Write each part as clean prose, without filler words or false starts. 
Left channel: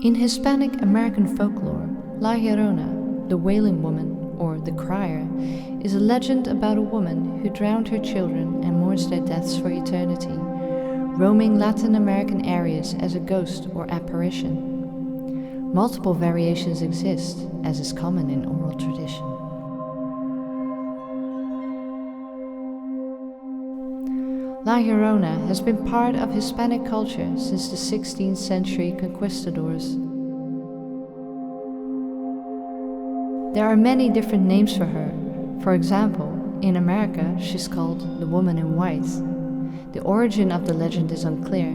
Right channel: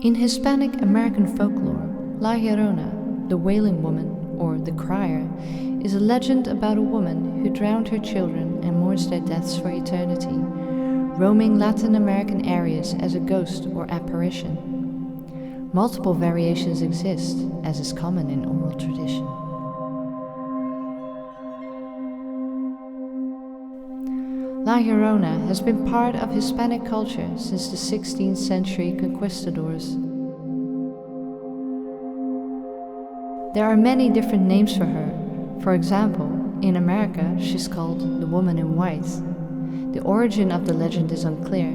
In Hispanic American folklore, LLorona, the wailing woman, or the crier, is a legend about a woman who drowned her children and mourns their deaths for eternity, roaming Latin American areas as a ghost or apparition. Multiple variations exist, as is common in oral tradition. LLorona has been part of Hispanic culture since the 16th century conquistadors. There are many different names for her. For example, in America she's called the Woman in White. The origin of the legend is unclear.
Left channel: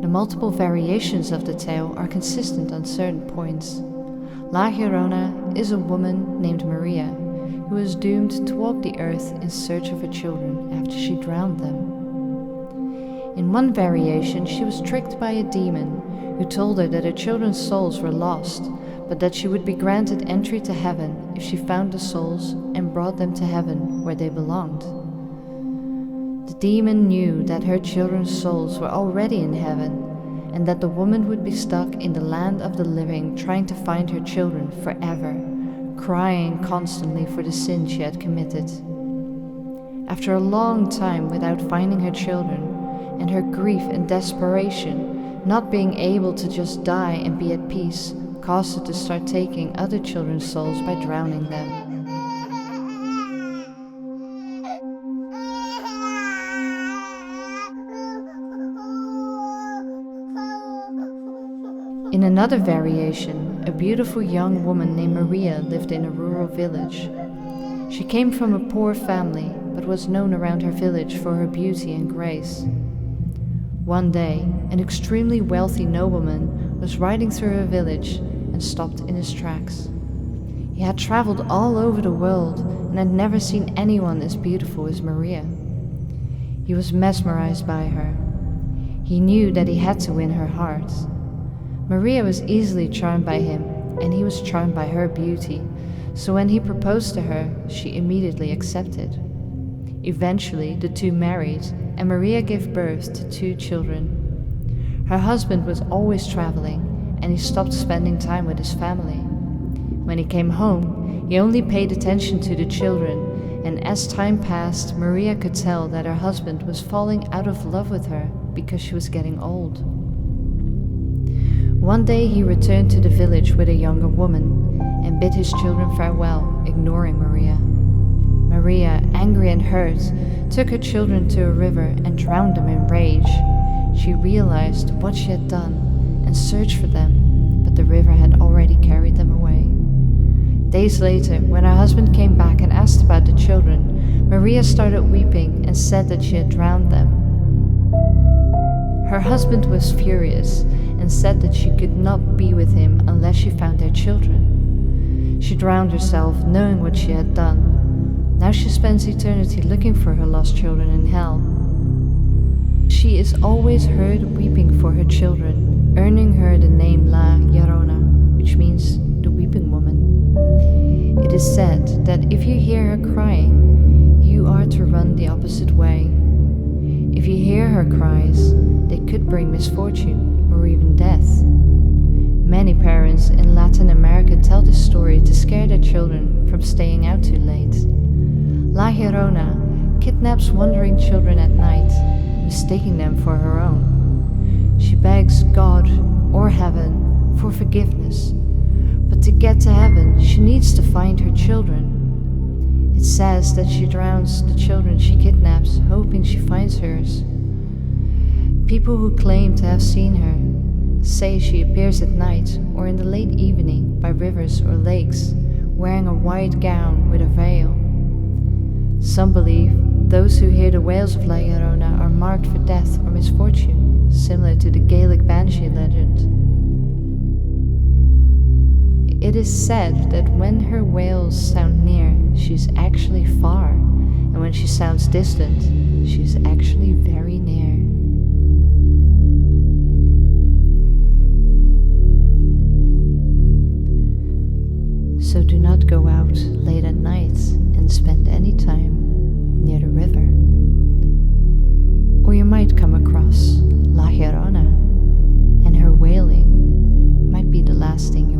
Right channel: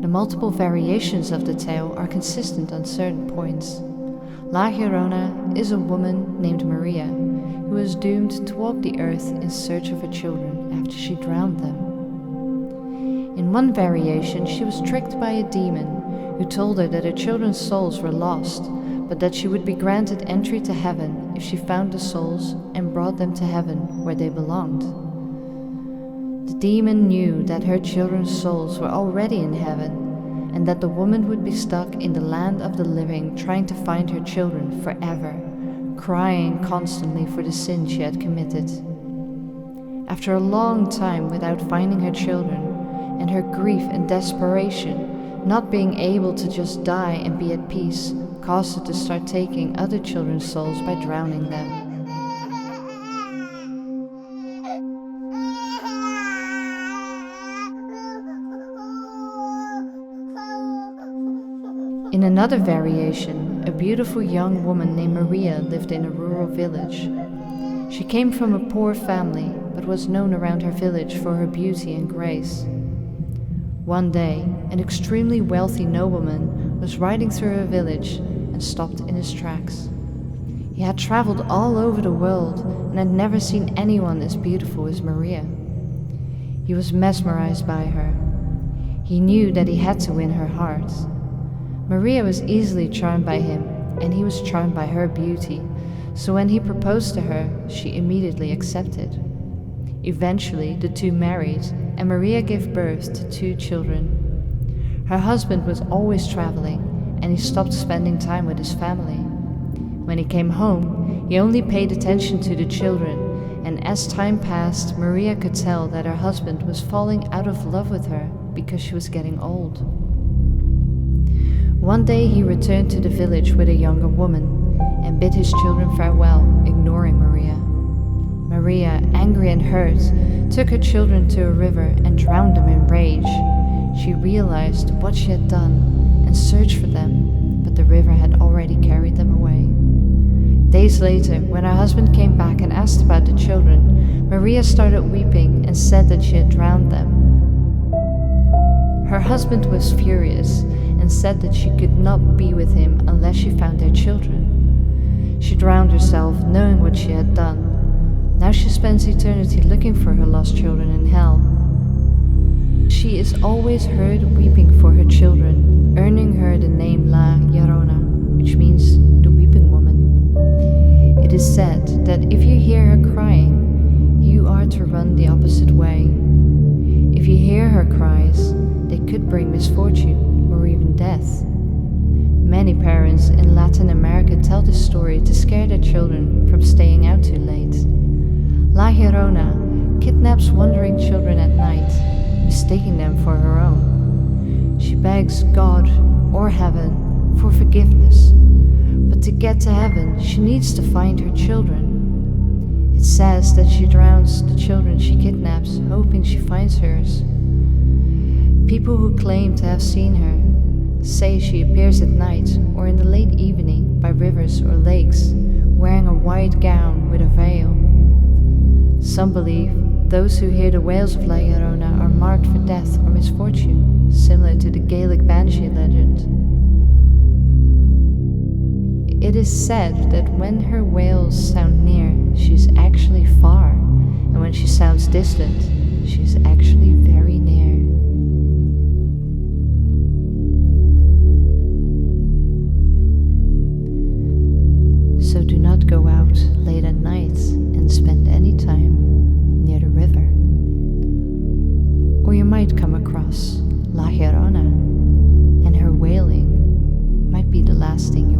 The multiple variations of the tale are consistent on certain points. LLorona is a woman named Maria who was doomed to walk the earth in search of her children after she drowned them. In one variation, she was tricked by a demon who told her that her children's souls were lost, but that she would be granted entry to heaven if she found the souls and brought them to heaven where they belonged. The demon knew that her children's souls were already in heaven, and that the woman would be stuck in the land of the living trying to find her children forever, crying constantly for the sin she had committed. After a long time without finding her children, and her grief and desperation, not being able to just die and be at peace, caused her to start taking other children's souls by drowning them. In another variation, a beautiful young woman named Maria lived in a rural village. She came from a poor family, but was known around her village for her beauty and grace. One day, an extremely wealthy nobleman was riding through her village and stopped in his tracks. He had traveled all over the world and had never seen anyone as beautiful as Maria. He was mesmerized by her. He knew that he had to win her heart. Maria was easily charmed by him, and he was charmed by her beauty, so when he proposed to her, she immediately accepted. Eventually, the two married, and Maria gave birth to 2 children. Her husband was always traveling, and he stopped spending time with his family. When he came home, he only paid attention to the children, and as time passed, Maria could tell that her husband was falling out of love with her because she was getting old. One day he returned to the village with a younger woman and bid his children farewell, ignoring Maria. Maria, angry and hurt, took her children to a river and drowned them in rage. She realized what she had done and searched for them, but the river had already carried them away. Days later, when her husband came back and asked about the children, Maria started weeping and said that she had drowned them. Her husband was furious and said that she could not be with him unless she found their children. She drowned herself, knowing what she had done. Now she spends eternity looking for her lost children in hell. She is always heard weeping for her children, earning her the name LLorona, which means the weeping woman. It is said that if you hear her crying, you are to run the opposite way. If you hear her cries, they could bring misfortune or even death. Many parents in Latin America tell this story to scare their children from staying out too late. LLorona kidnaps wandering children at night, mistaking them for her own. She begs God or heaven for forgiveness, but to get to heaven she needs to find her children. It says that she drowns the children she kidnaps, hoping she finds hers. People who claim to have seen her say she appears at night or in the late evening by rivers or lakes, wearing a white gown with a veil. Some believe those who hear the wails of LLorona are marked for death or misfortune, similar to the Gaelic banshee legend. It is said that when her wails sound near, she is actually far, and when she sounds distant, she is actually very near. So do not go out late at night and spend any time near the river. Or you might come across LLorona, and her wailing might podcasting